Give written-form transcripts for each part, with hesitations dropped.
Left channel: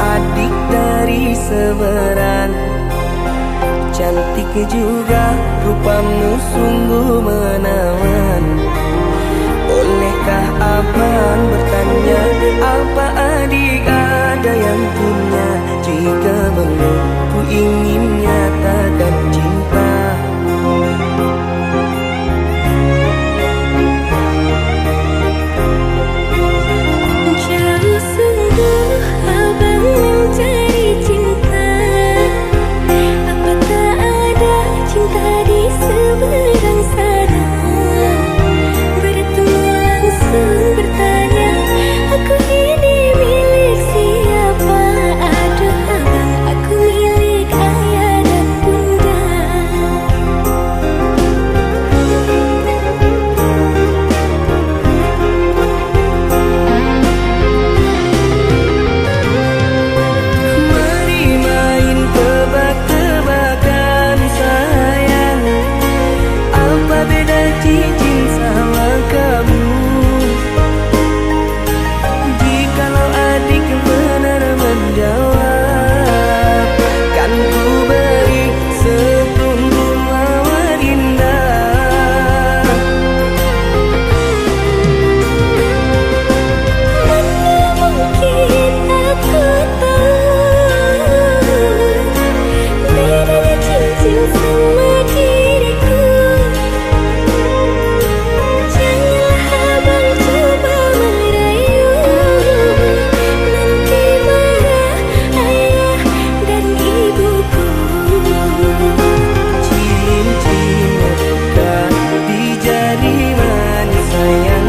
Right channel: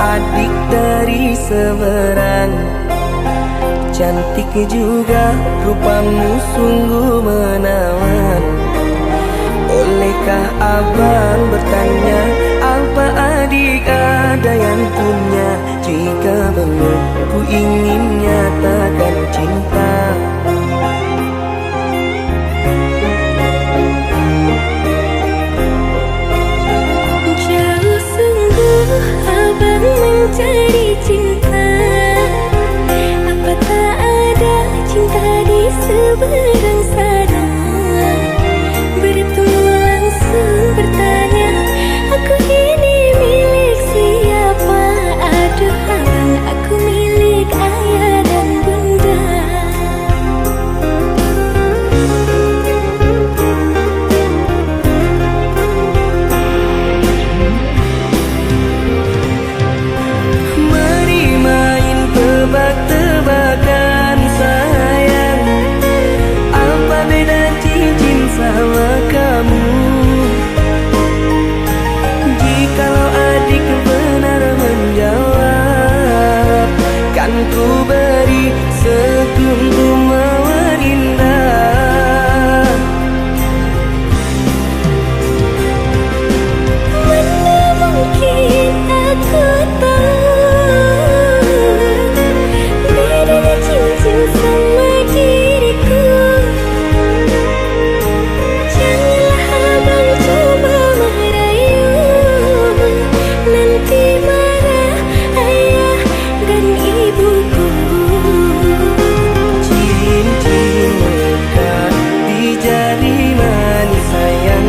adik dari seberang. Cantik juga rupamu sungguh menawan. Bolehkah abang bertanya, apa adik ada yang punya? Jika belum, ku ingin nyatakan cinta. Jauh sungguh abang mencari cinta. Apa tak ada cinta di seberang sana? Bertemu langsung bertanya, aku ini milik siapa? Aduh abang, aku milik ayah dan bunda. Mari main tebak-tebakan sayang, apa beda cincin sama kamu? Jikalau adik benar menjawab, kan ku beri sekuntum mawar indah. Mana mungkin aku tahu bedanya cincin sama diriku. Janganlah abang coba merayu, nanti marah ayah dan ibuku. Cincin melekat di jari manis sayang,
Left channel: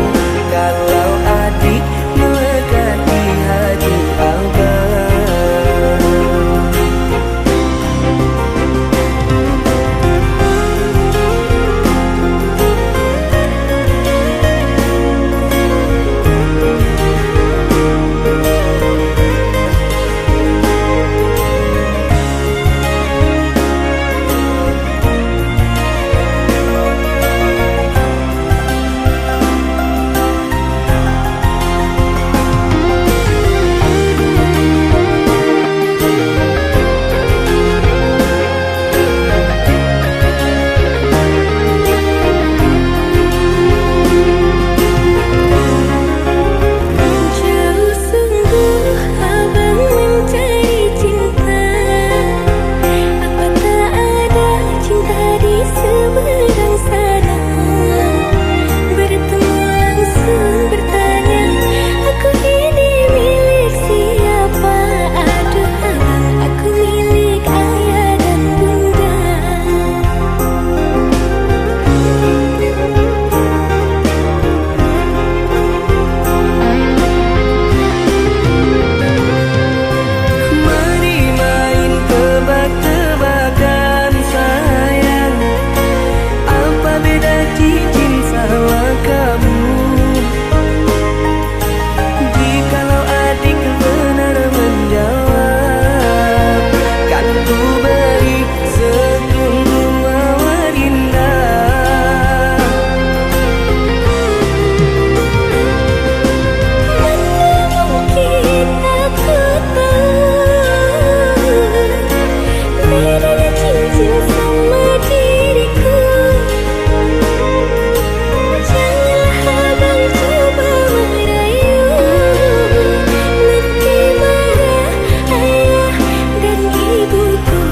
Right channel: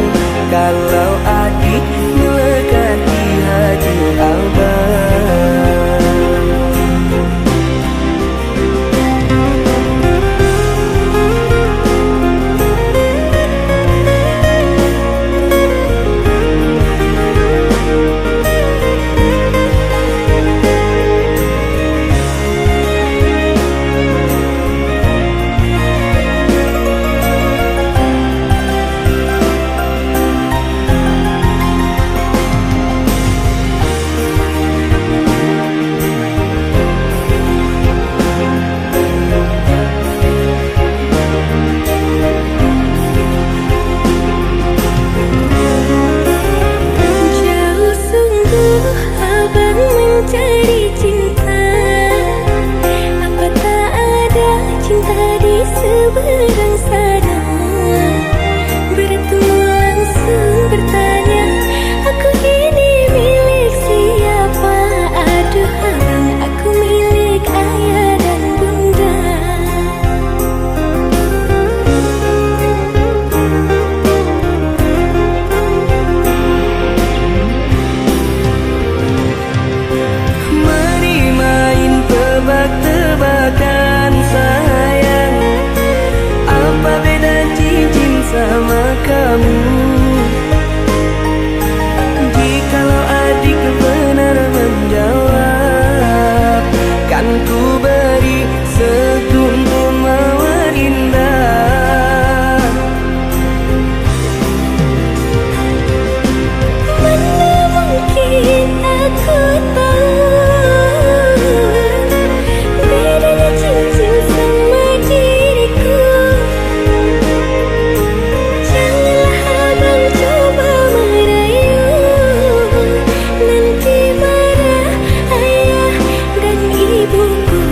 kalau adik melekat di hati abang. Jauh sungguh abang mencari cinta. Apa tak ada cinta di seberang sana? Bertemu langsung bertanya, aku ini milik siapa? Aduh abang, aku milik ayah dan bunda. Mari main tebak-tebakan sayang, apa beda cincin sama kamu? Jikalau adik benar menjawab, kan ku beri sekuntum mawar indah. Mana mungkin aku tahu bedanya cincin sama diriku. Janganlah abang coba merayu, nanti marah ayah dan ibuku.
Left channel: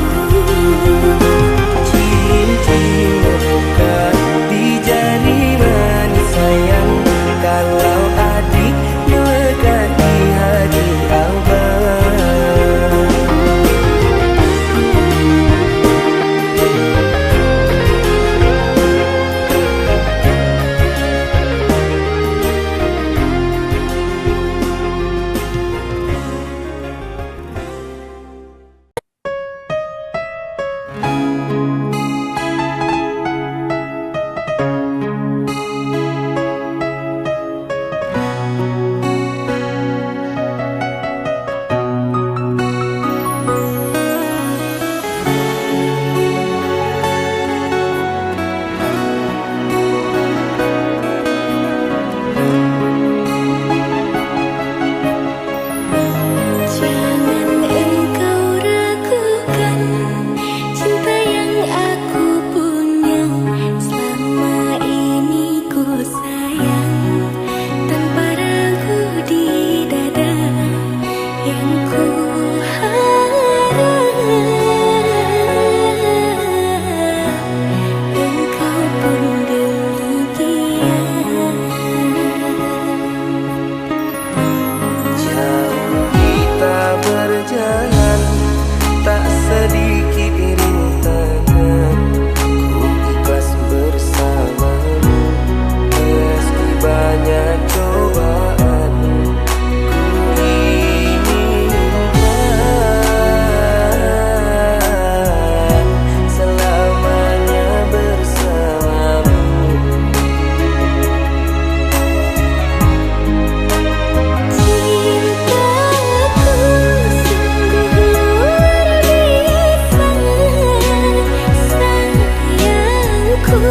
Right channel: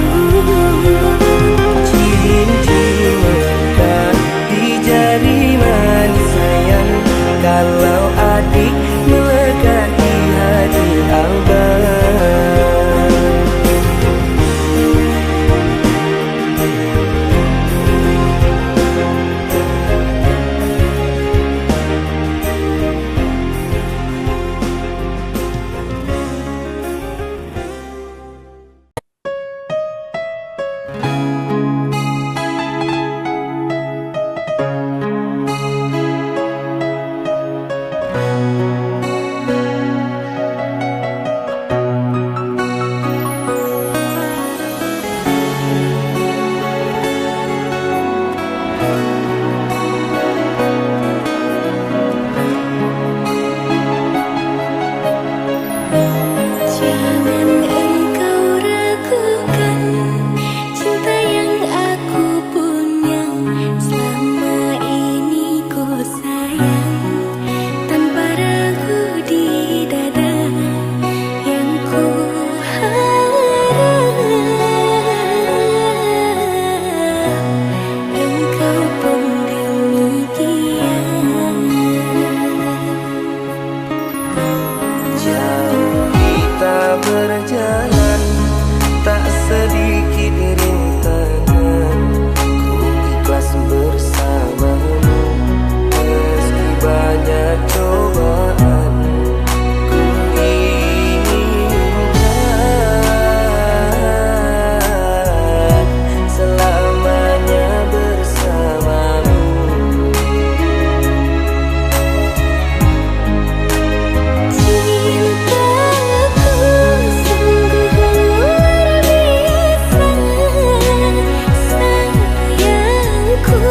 Cincin melekat di jari manis sayang, kalau adik melekat di hati abang. di dada yang ku harap engkau pun demikian. Jauh kita berjalan, tak sedikit rintangan. Ku ikhlas bersamamu meski banyak cobaan. Ku inginkan selamanya bersamamu. Cintaku sungguh luar biasa, sayangku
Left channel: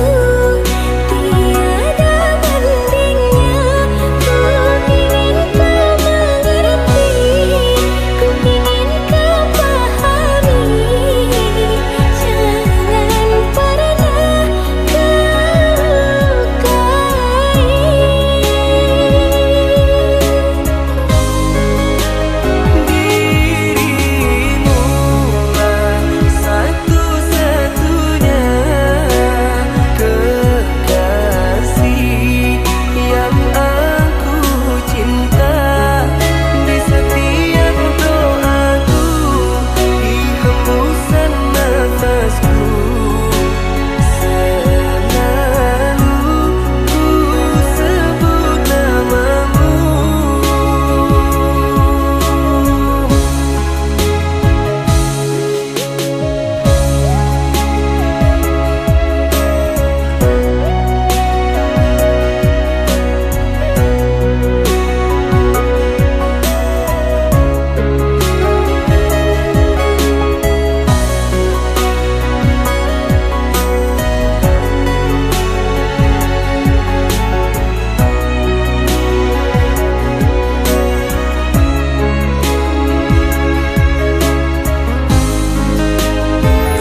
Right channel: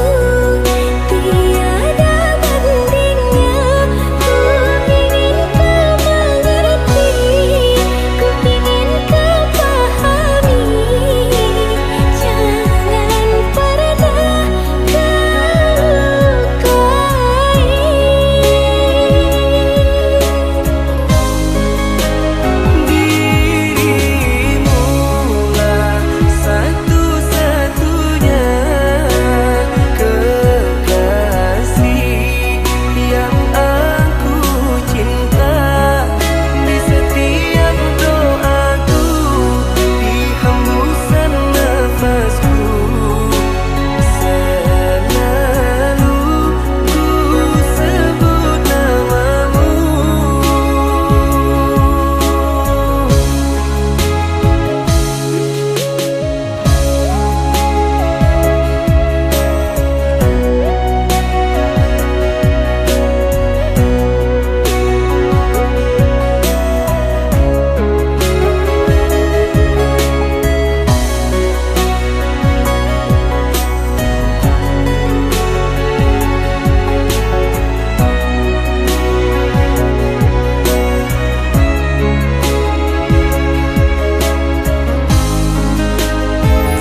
tiada bandingnya. Ku ingin kau mengerti, ku ingin kau pahami. Jangan pernah kau lukai. Dirimulah satu-satunya kekasih yang aku cinta. Di setiap doaku, di hembusan nafasku, selalu ku sebut namamu.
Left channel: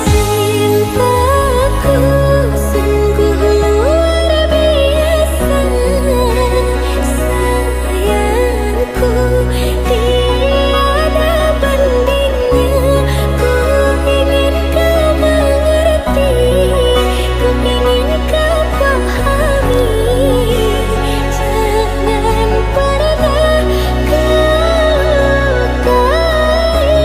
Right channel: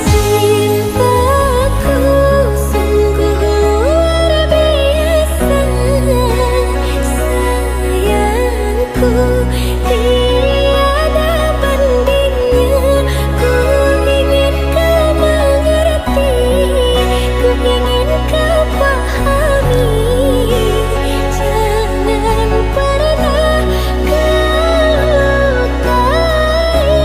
Cintaku sungguh luar biasa, sayangku tiada bandingnya. Ku ingin kau mengerti, ku ingin kau pahami. Jangan pernah kau lukai.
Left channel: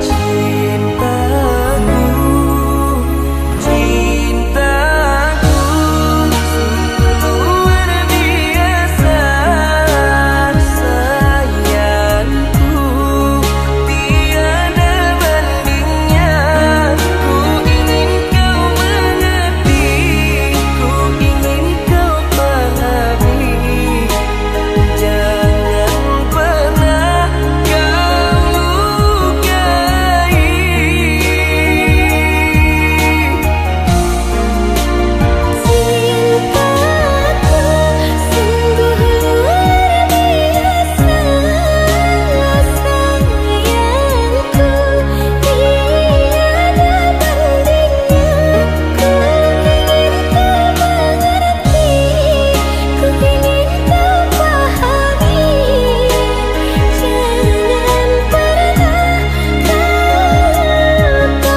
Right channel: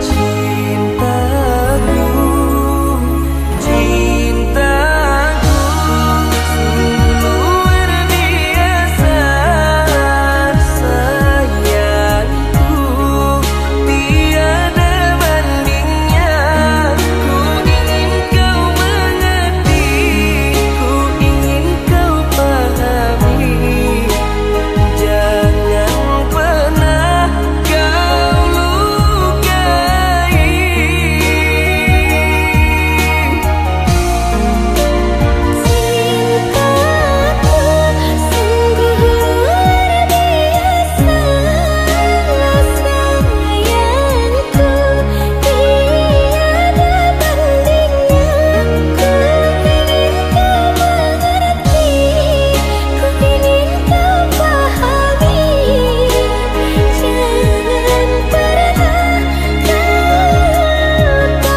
Cintaku, cintaku sungguh luar biasa, sayangku tiada bandingnya. Ku ingin kau mengerti, ku ingin kau pahami. Jangan pernah kau lukai. Cintaku sungguh luar biasa, sayangku tiada bandingnya. Ku ingin kau mengerti, ku ingin kau pahami. Jangan pernah kau lukai.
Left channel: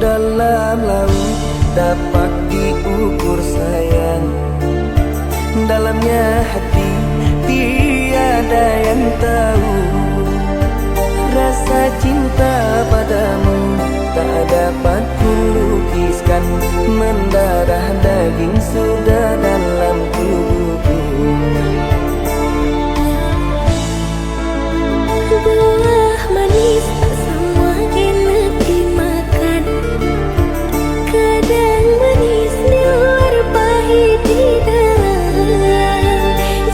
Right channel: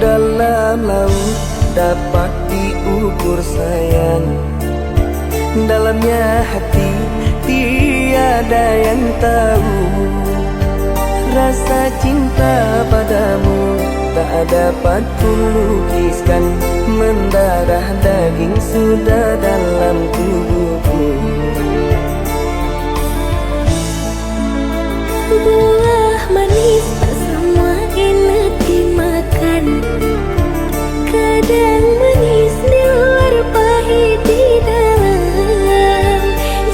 Dalam laut dapat diukur sayang, dalamnya hati tiada yang tahu. Rasa cinta padamu tak dapat kulukiskan, mendarah daging sudah dalam tubuhku. Buah manis tak semua enak dimakan, kadang manis di luar pahit di dalam.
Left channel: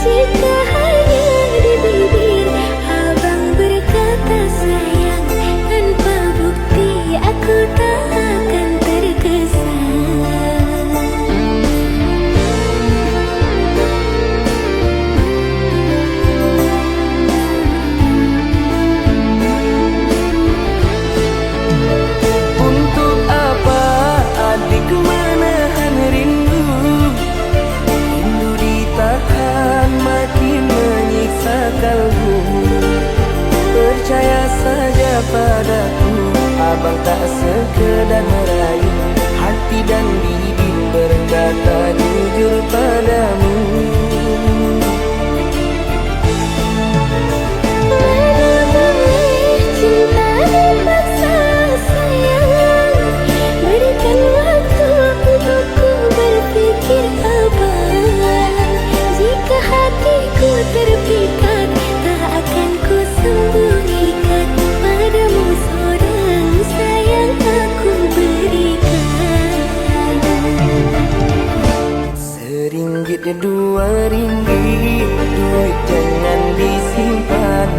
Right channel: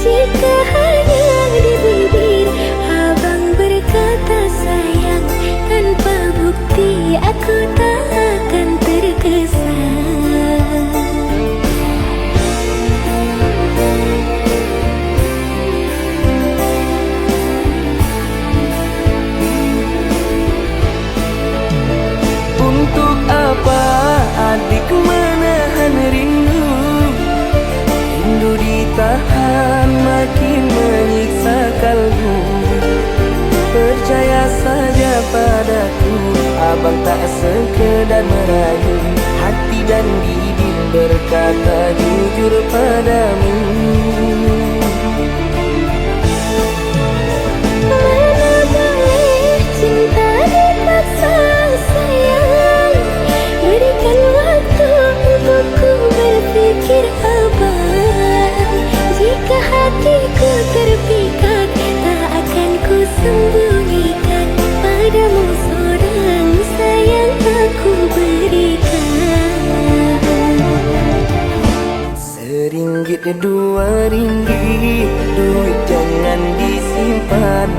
Jika hanya di bibir abang berkata sayang, tanpa bukti aku tak akan terkesan. Untuk apa adik menahan rindu? Rindu ditahan makin menyiksa kalbu. Percaya saja padaku, abang tak sekedar merayu. Hati dan bibir berkata jujur padamu. Mana boleh cinta dipaksa sayang, berikan waktu untukku berpikir abang. Jika hatiku terpikat, tak akan ku sembunyikan padamu seorang sayang aku berikan. Seringgit dua ringgit, duit jangan disimpan,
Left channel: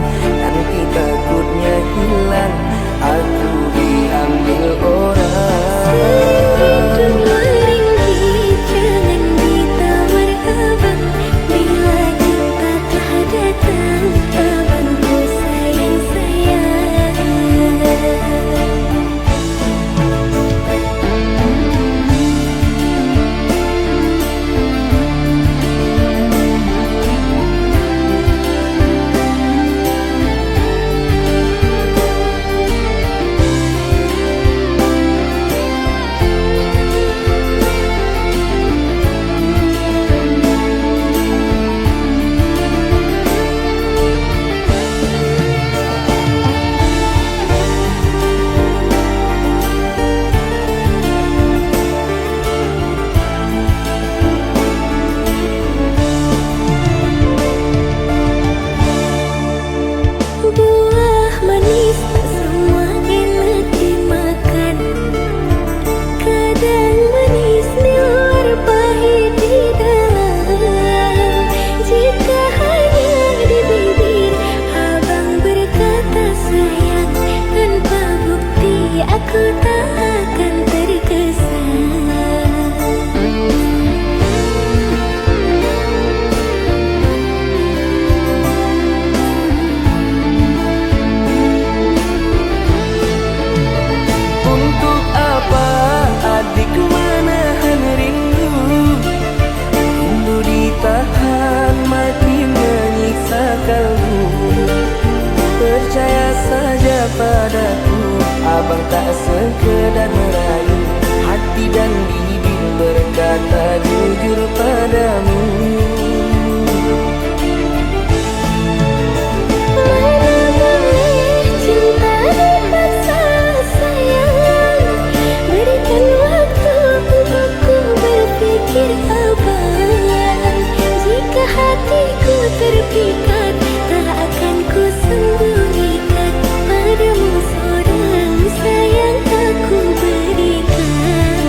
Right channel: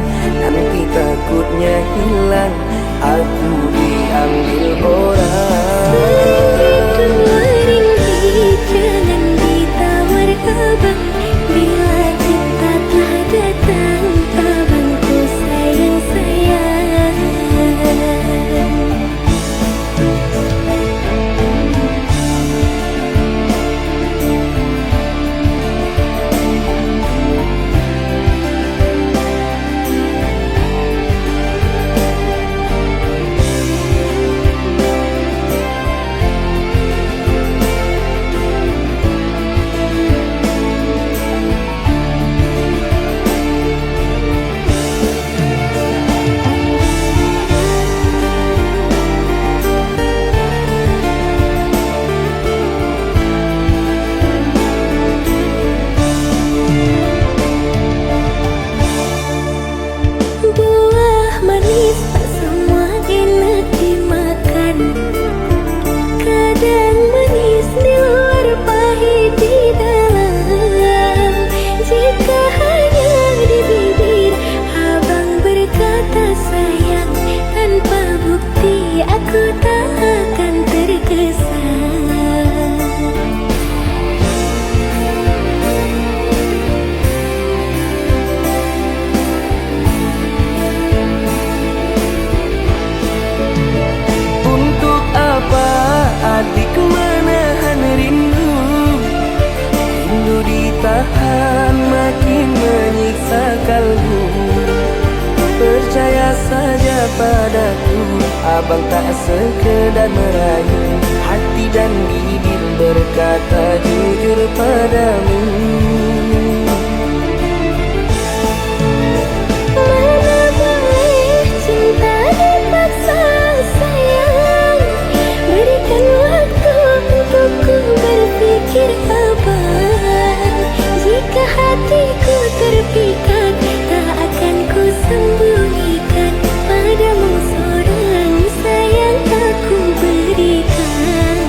nanti takutnya hilang, aku diambil orang. Seringgit dua ringgit jangan ditawar abang, bila cinta telah datang abangku sayang-sayang. Buah manis tak semua enak dimakan, kadang manis di luar pahit di dalam. Jika hanya di bibir abang berkata sayang, tanpa bukti aku tak akan terkesan. Untuk apa adik menahan rindu? Rindu ditahan makin menyiksa kalbu. Percaya saja padaku, abang tak sekedar merayu. Hati dan bibir berkata jujur padamu. Mana boleh cinta dipaksa sayang, berikan waktu untukku berpikir abang. Jika hatiku terpikat, tak akan ku sembunyikan padamu seorang sayang aku berikan.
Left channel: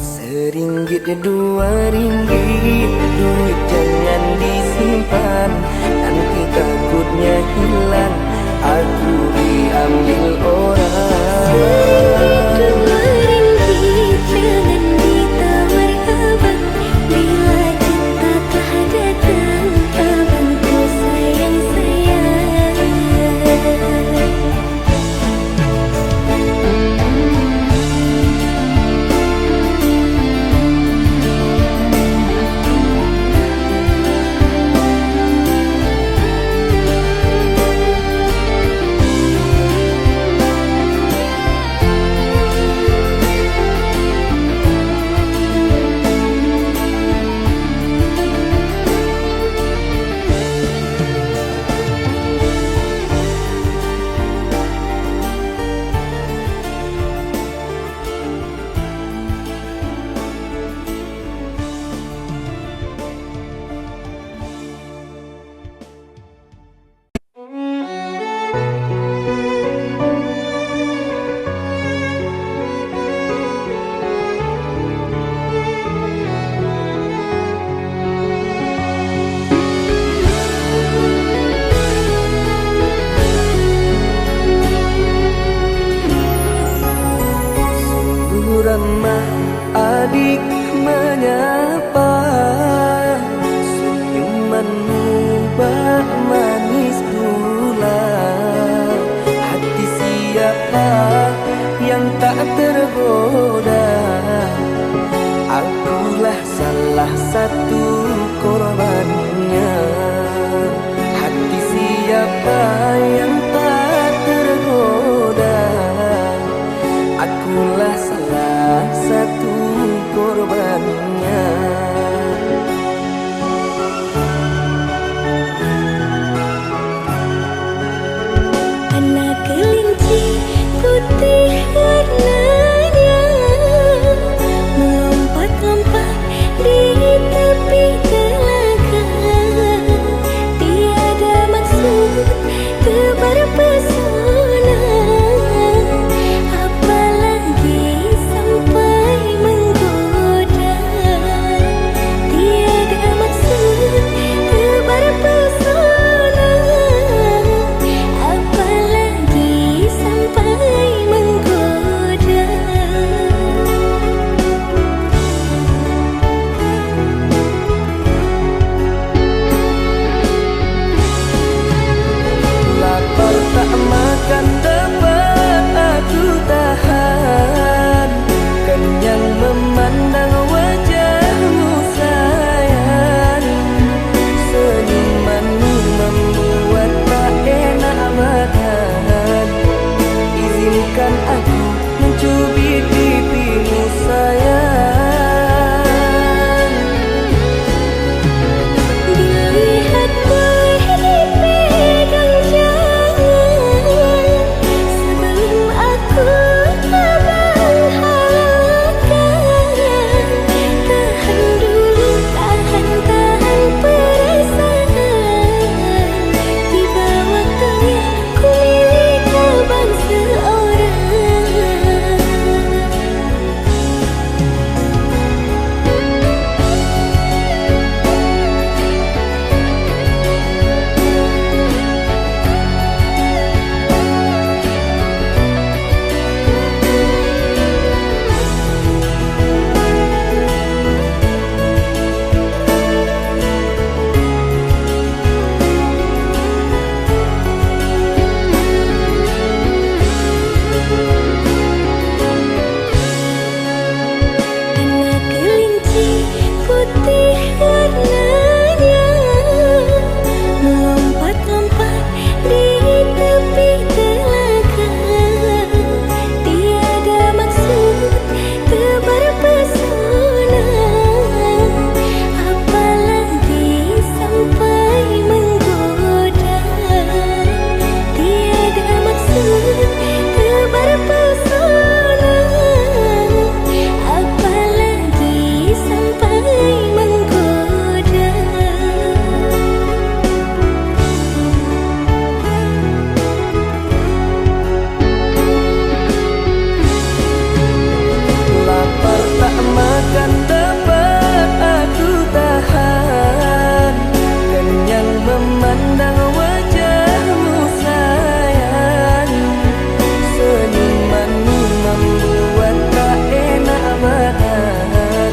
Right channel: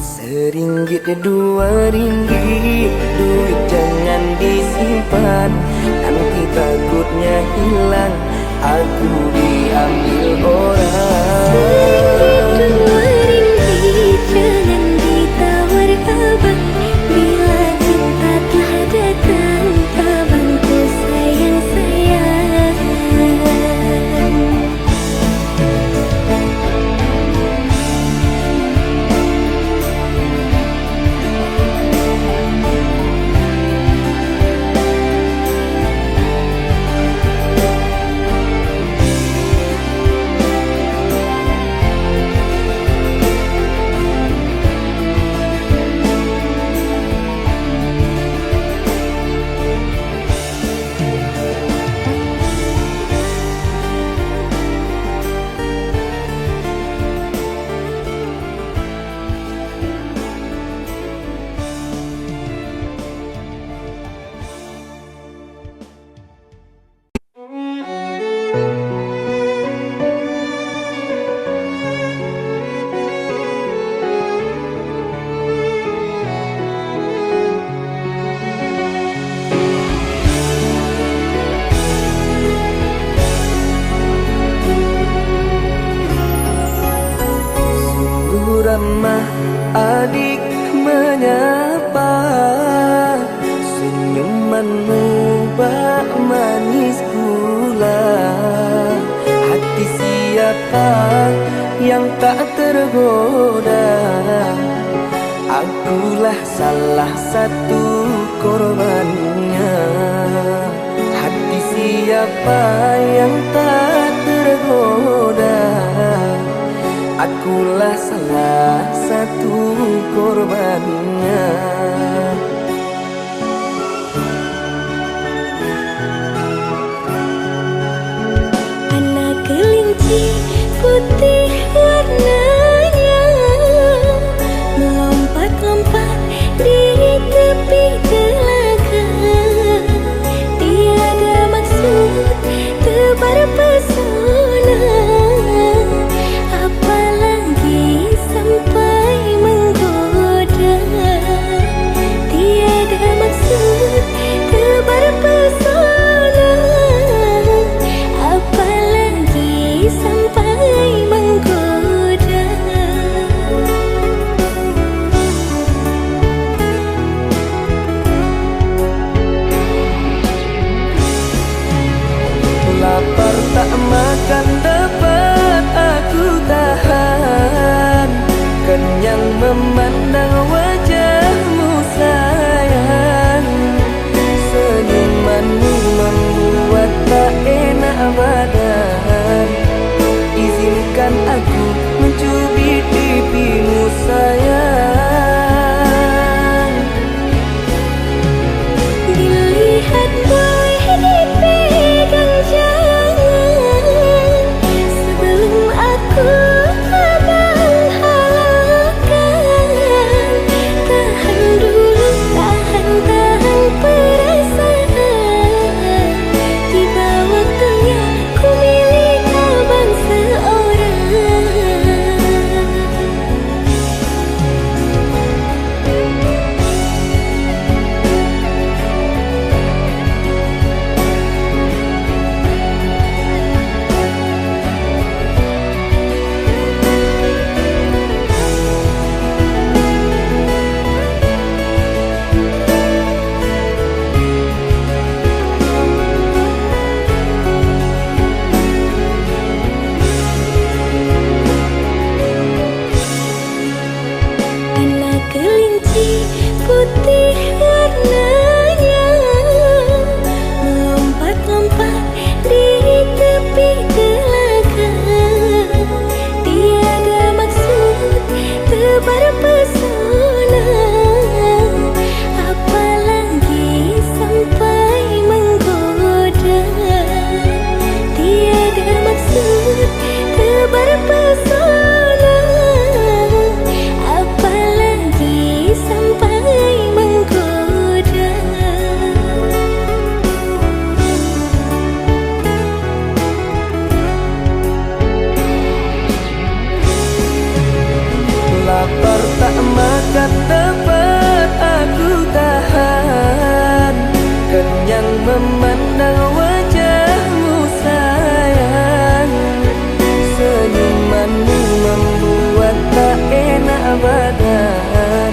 Seringgit dua ringgit, duit jangan disimpan, nanti takutnya hilang, aku diambil orang. Seringgit dua ringgit jangan ditawar abang, bila cinta telah datang abangku sayang-sayang. ramah adik menyapa, senyumanmu bak manis gula. Hati siapa yang tak tergoda? Akulah salah satu korbannya. Hati siapa yang tak tergoda? Akulah salah satu korbannya. Anak kelinci putih warnanya melompat-lompat di tepi telaga. Tiada maksud tebar pesona, apalagi sampai menggoda. Tiada maksud tebar pesona, apalagi sampai menggoda. Lapar tak makan dapat aku tahan, kenyang memandang wajahmu sayang. Senyumanmu membuat tak enak badan. Izinkan aku mencubit pipimu sayang. Dilihat boleh dipegang jangan, sebelum aku abang halalkan. Tahan dulu, tahan perasaan. Tiba waktunya ku milik abang seorang. Anak kelinci putih warnanya melompat-lompat di tepi telaga. Tiada maksud tebar pesona, apalagi sampai menggoda. Tiada maksud tebar pesona, apalagi sampai menggoda. Lapar tak makan dapat aku tahan, kenyang memandang wajahmu sayang. Senyumanmu membuat tak enak badan.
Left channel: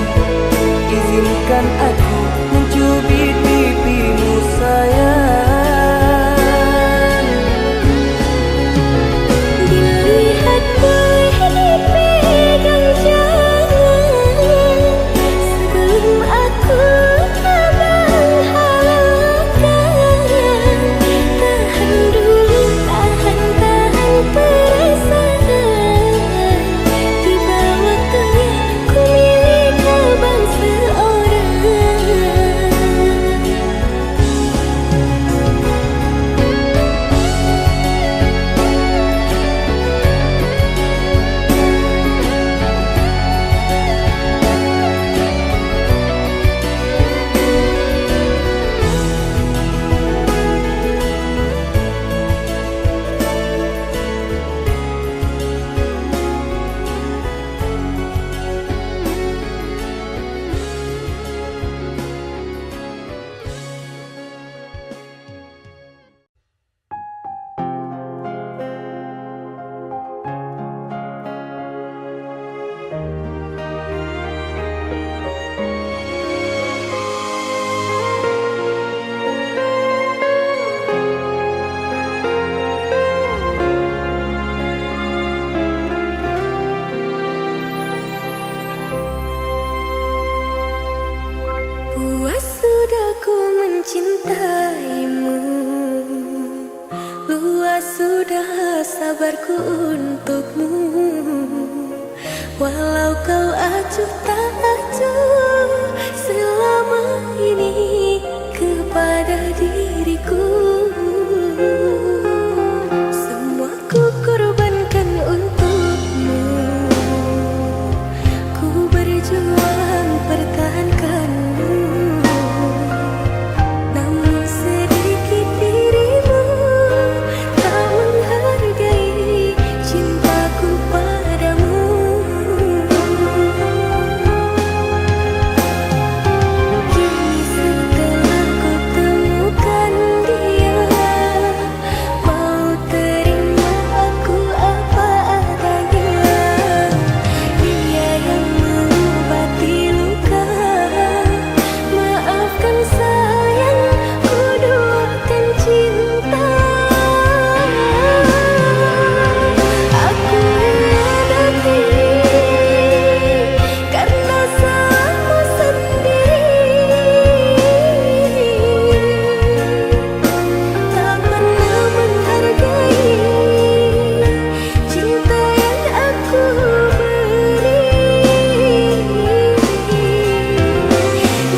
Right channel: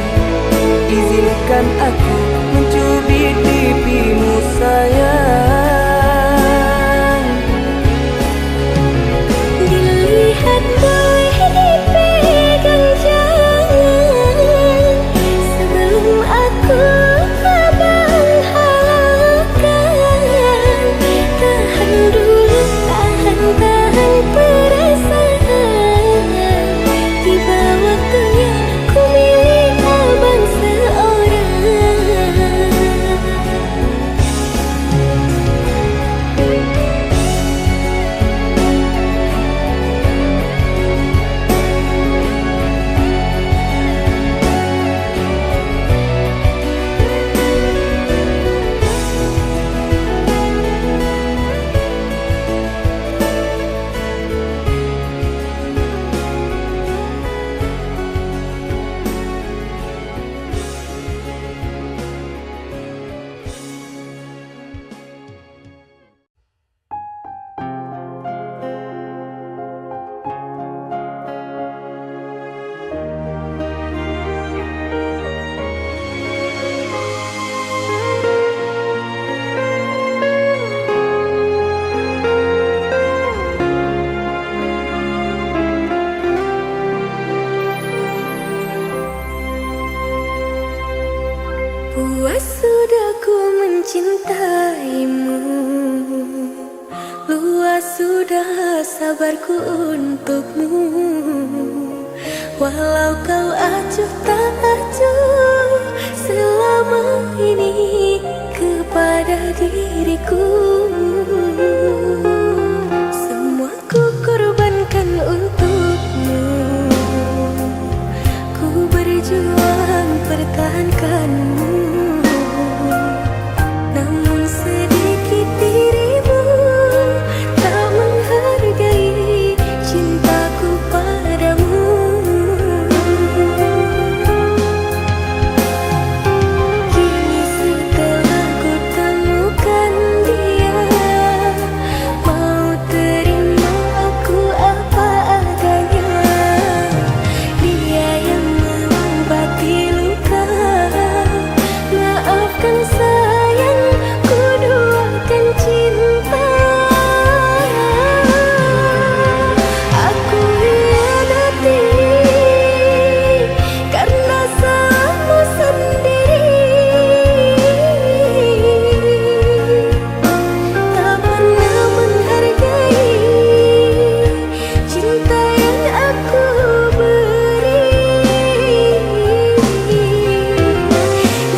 Izinkan aku mencubit pipimu sayang. Dilihat boleh dipegang jangan, sebelum aku abang halalkan. Tahan dulu, tahan perasaan. Tiba waktunya ku milik abang seorang. sudah sabarku untukmu. Walau kau acuh tak acuh selama ini kepada diriku. Semua ku korbankan untukmu. Ku berjuang pertahankanmu. Namun sedikit dirimu tak menghargai cintaku padamu. Kini setelah ku temukan dia, mau terima aku apa adanya. Dia yang mengobati luka. Maafkan sayang, ku duakan cinta. Aku hianati karena salahmu sendiri. Tak pernah menghargai cinta yang aku beri.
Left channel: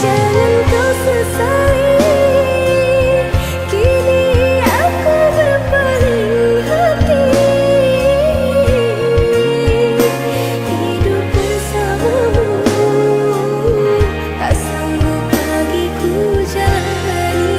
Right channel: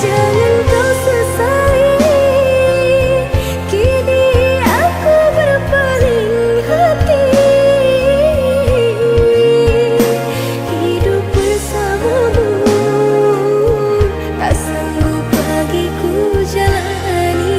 Jangan kau sesali, kini aku berpaling hati. Hidup bersamamu tak sanggup bagiku jalani.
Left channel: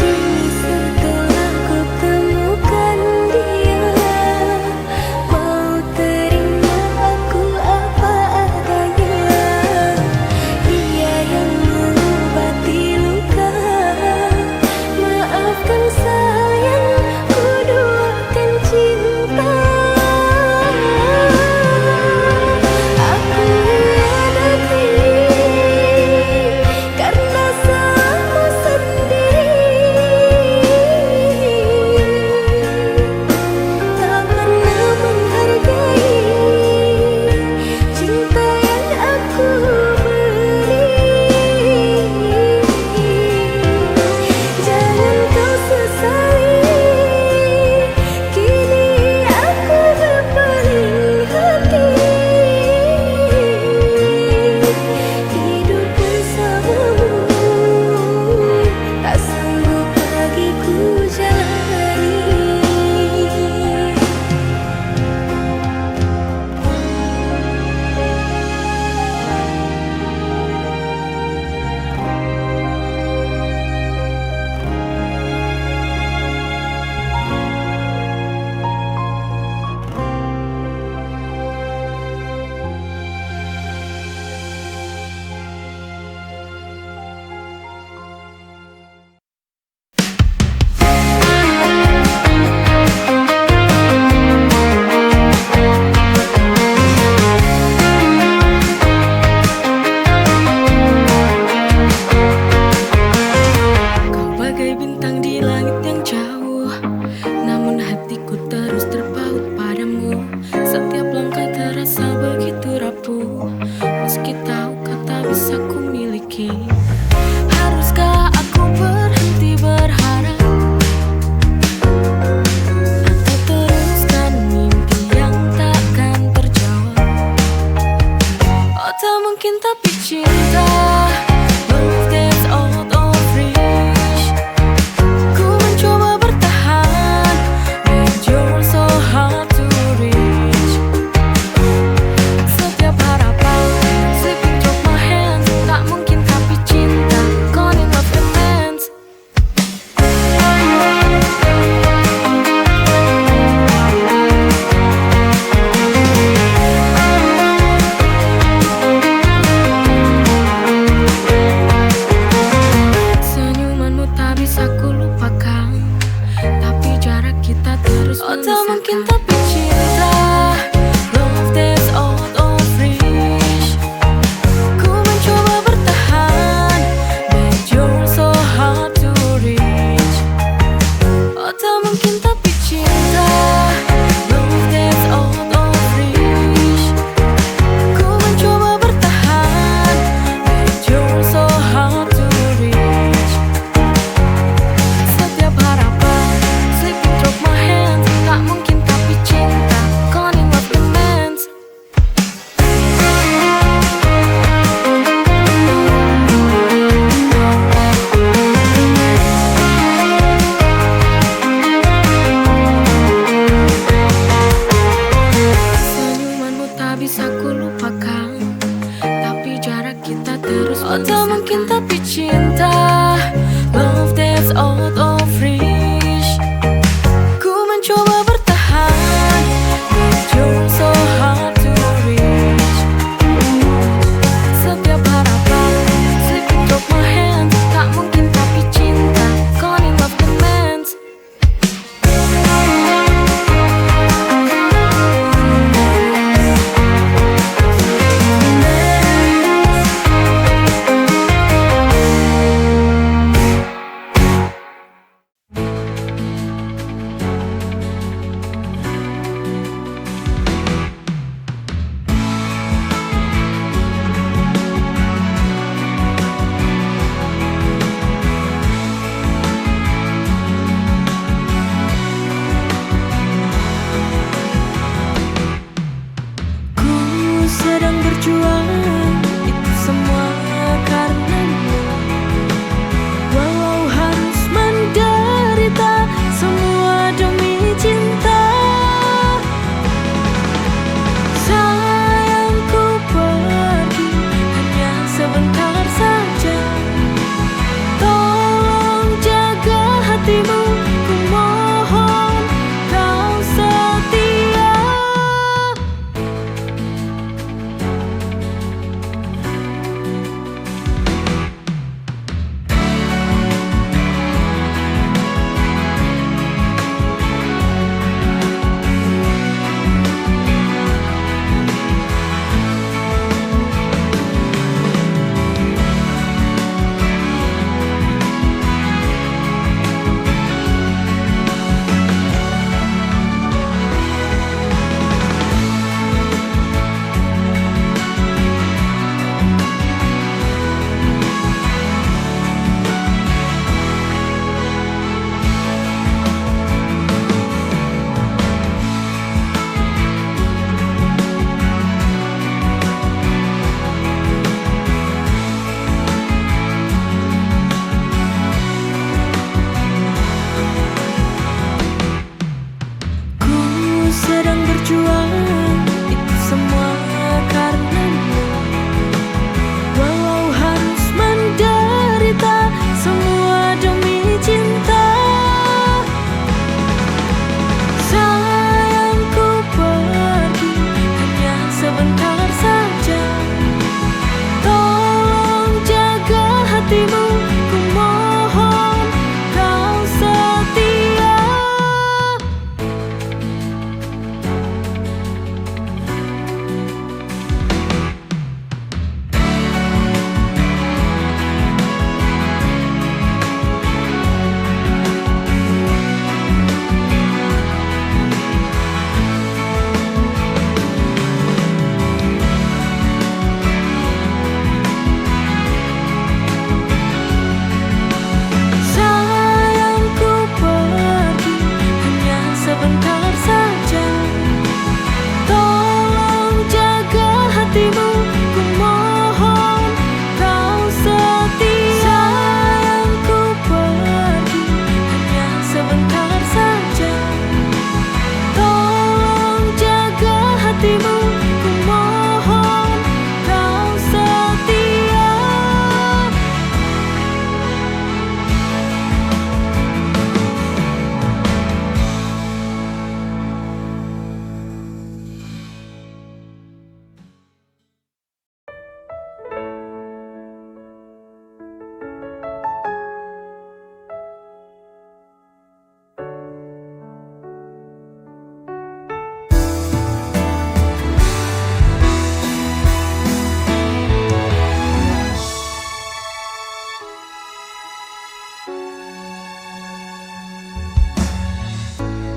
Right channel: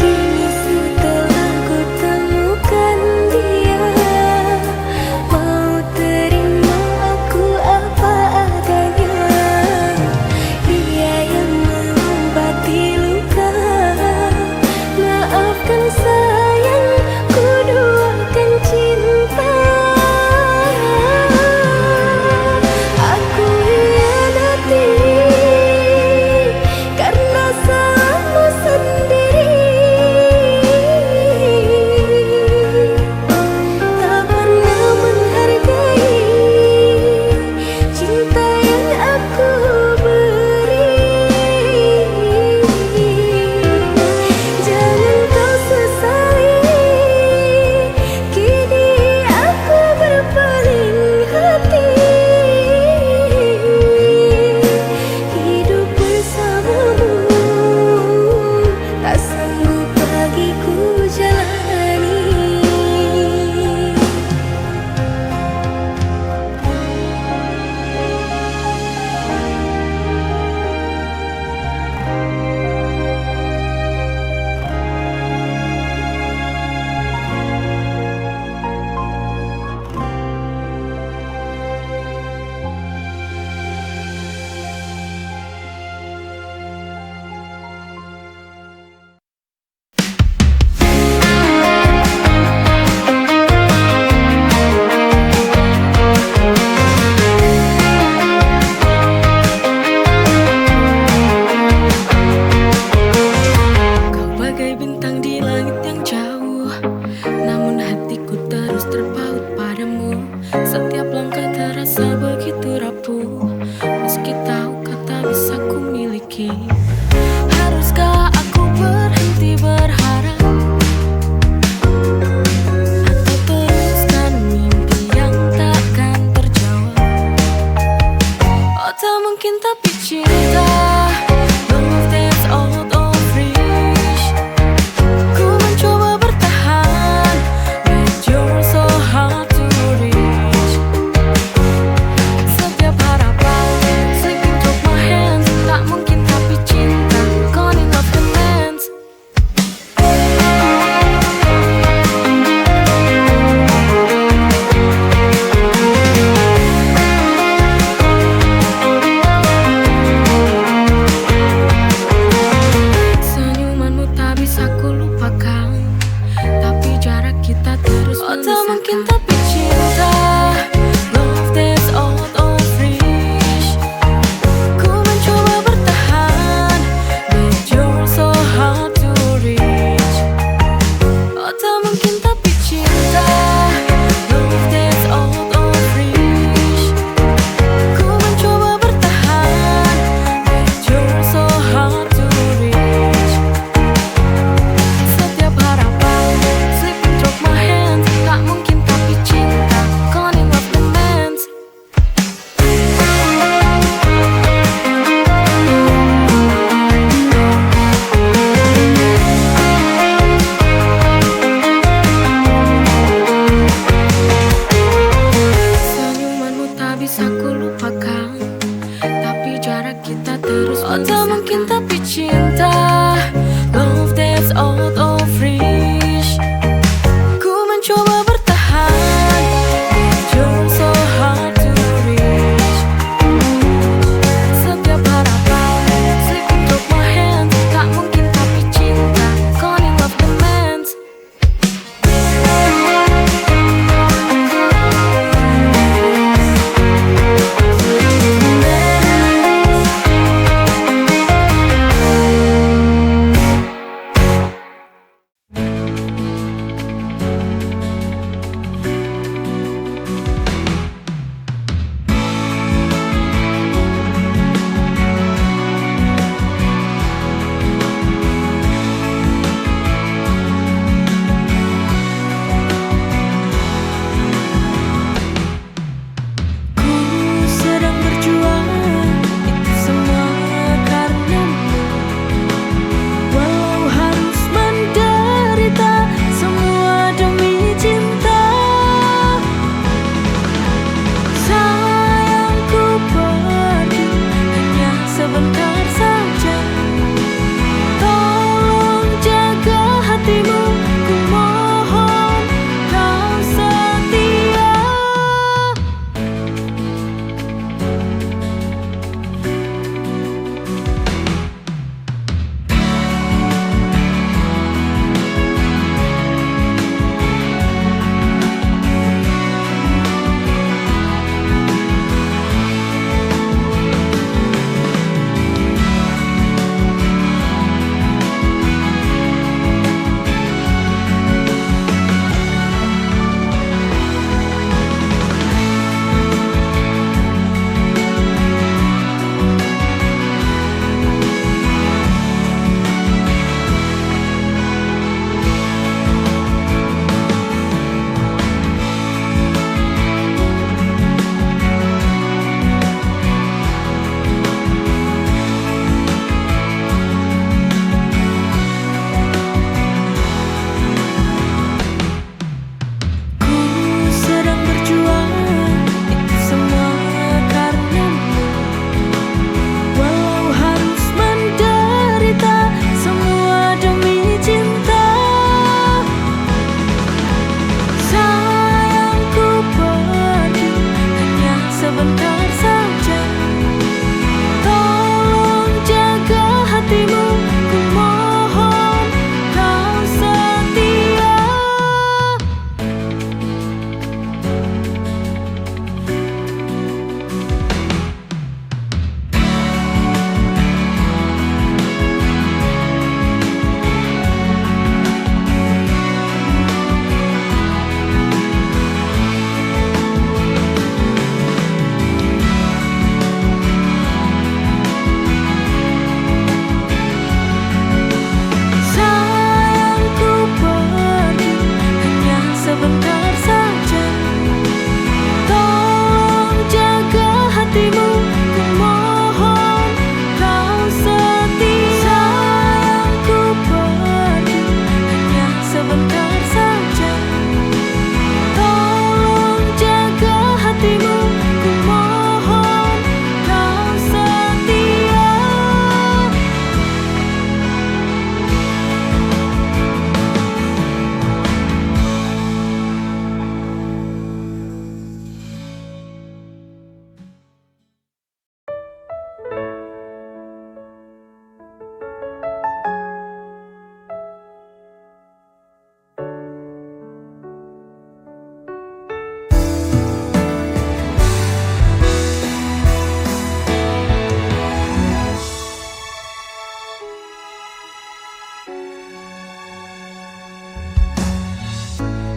Kini setelah ku temukan dia, mau terima aku apa adanya. Dia yang mengobati luka. Maafkan sayang, ku duakan cinta. Aku hianati karena salahmu sendiri. Tak pernah menghargai cinta yang aku beri. Jangan kau sesali, kini aku berpaling hati. Hidup bersamamu tak sanggup bagiku jalani. Kau bagai bintang di langit yang jauh, namun hatiku terus terpaut padamu. Setiap langkah terasa begitu rapuh, meski tahu kata bisa ku miliki. Haruskah aku berhenti berharap, atau teruskan mimpi yang takkan terjawab? Oh tak mungkin tapi cinta, love that's out of reach. Ku mencoba bertahan, but you're so hard to reach. Setiap harapan slipping through my hands. Tak mungkin tapi cinta, gone in love demands. Oh tak mungkin tapi cinta, love that's out of reach. Ku mencoba bertahan, but you're so hard to reach. Oh tak mungkin tapi cinta, love that's out of reach. Ku mencoba bertahan, but you're so hard to reach. Setiap harapan slipping through my hands, tak mungkin tapi cinta.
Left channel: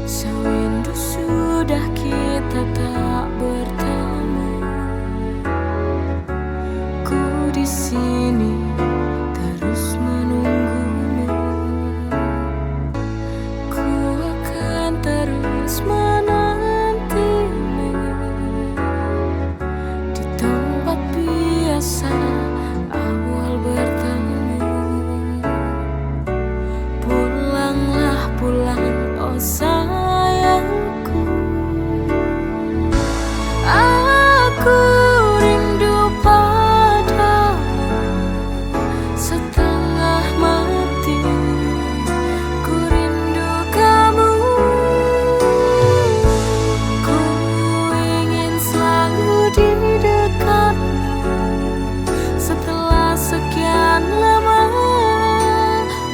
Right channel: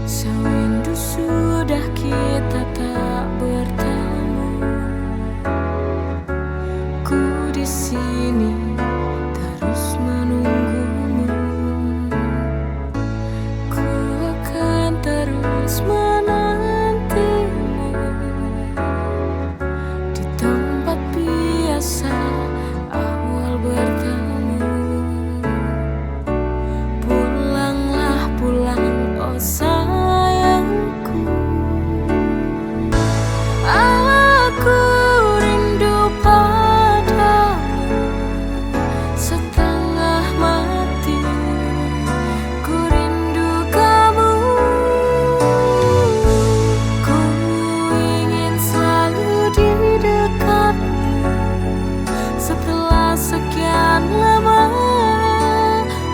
Sewindu sudah kita tak bertemu. Ku di sini terus menunggumu. Ku akan terus menantimu di tempat biasa awal bertemu. Pulanglah pulang, oh sayangku. Aku rindu padamu setengah mati. Ku rindu kamu. Ku ingin selalu di dekatmu setelah sekian lama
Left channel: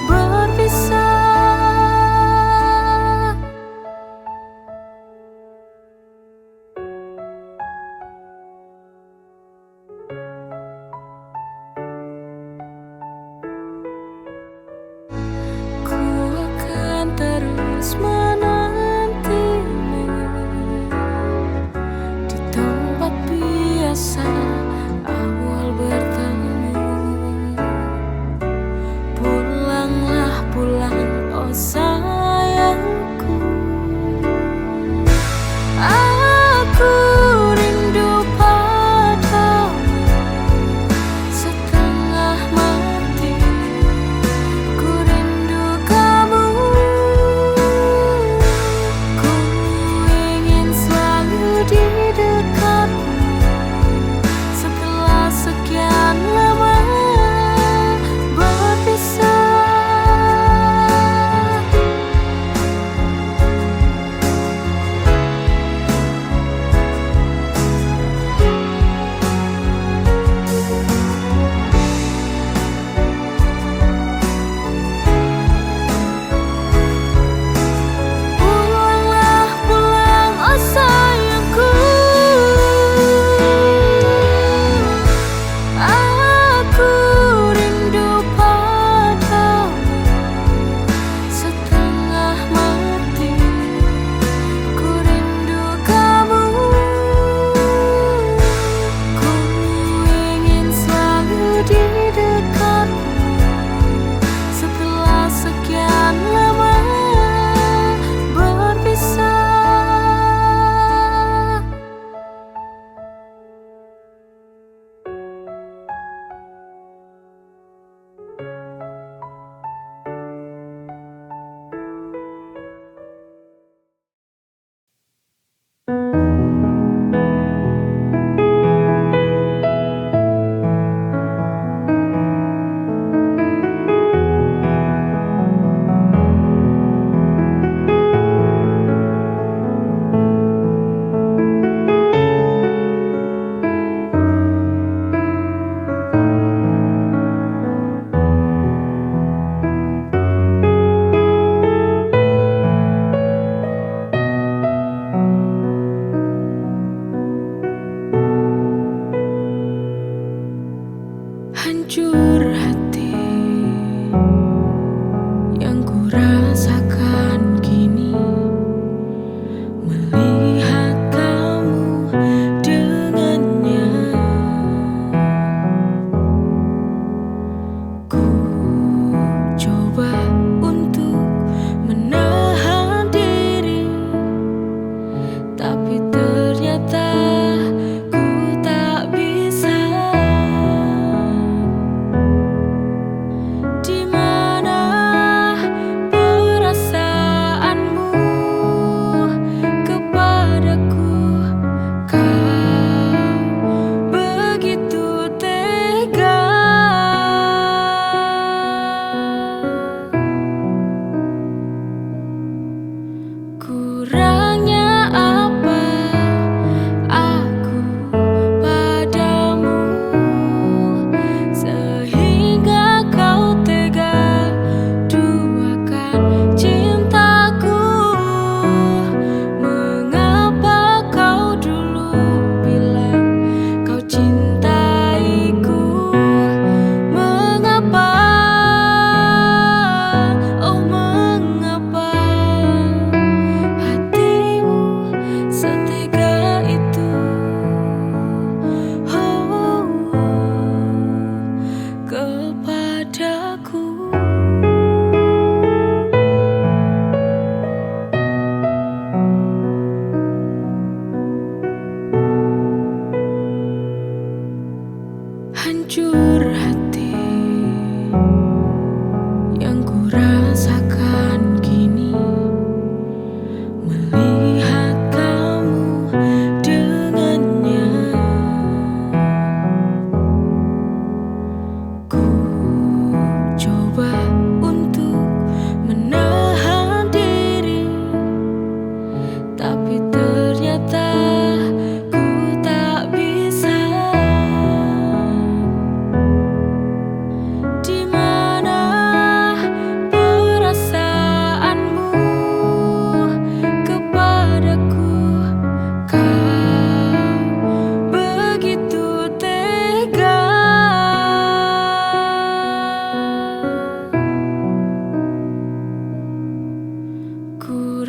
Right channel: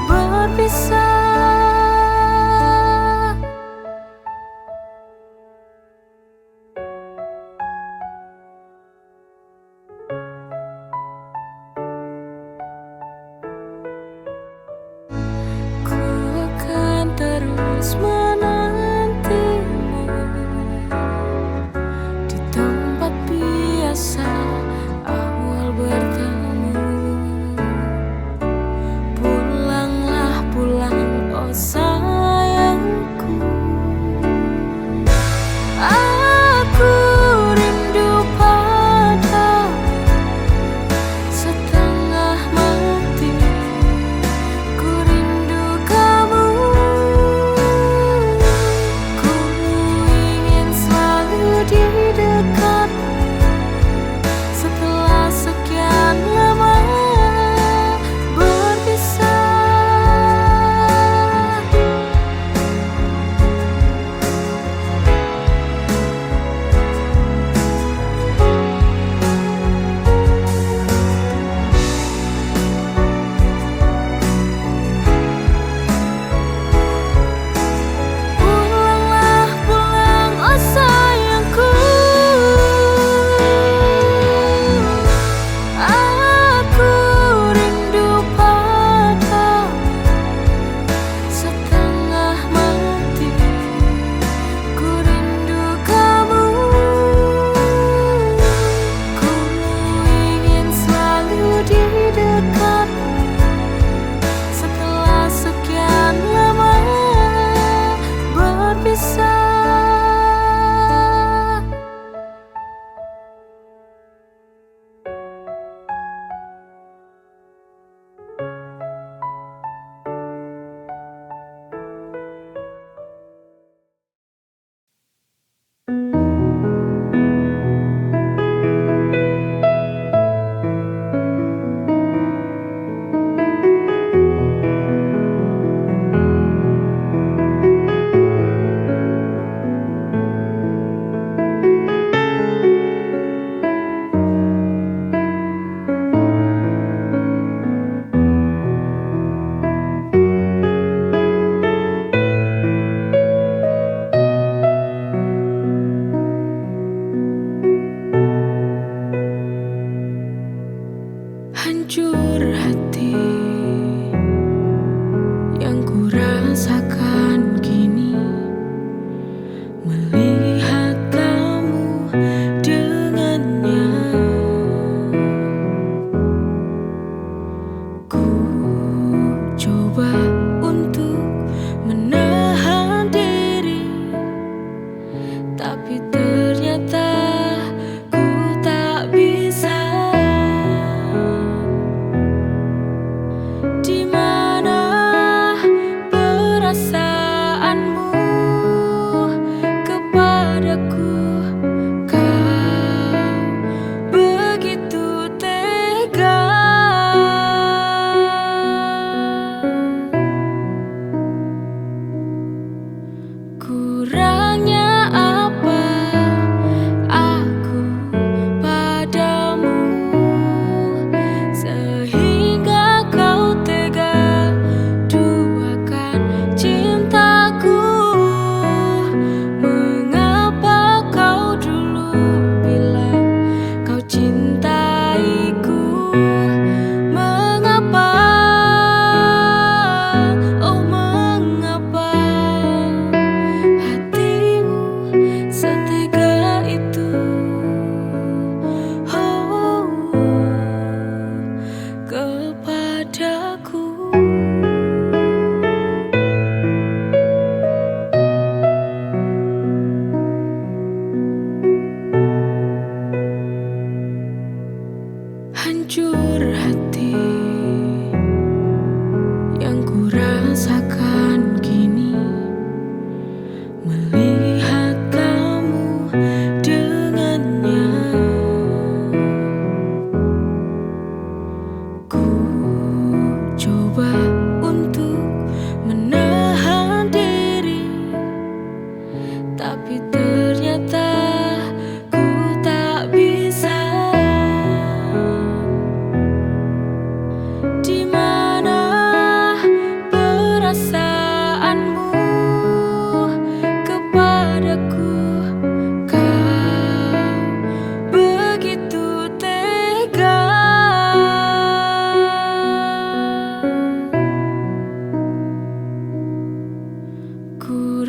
berpisah. Ku akan terus menantimu di tempat biasa awal bertemu. Pulanglah pulang, oh sayangku. Aku rindu padamu setengah mati. Ku rindu kamu. Ku ingin selalu di dekatmu setelah sekian lama berpisah. Pulanglah pulang, oh sayangku. Aku rindu padamu setengah mati. Ku rindu kamu. Ku ingin selalu di dekatmu setelah sekian lama berpisah. Hancur hati yang ku rasakan kini melihat kamu dengannya. Ku coba untuk menahan diri, tapi ternyata ku tak bisa. Di mana perasaanmu kepadaku? Kau begitu tega. Kurangnya apa aku padamu sehingga kau tega duakan cintaku? Mengapa kau dulu bilang kau cintaiku? Mengapa? Oh mengapa Ku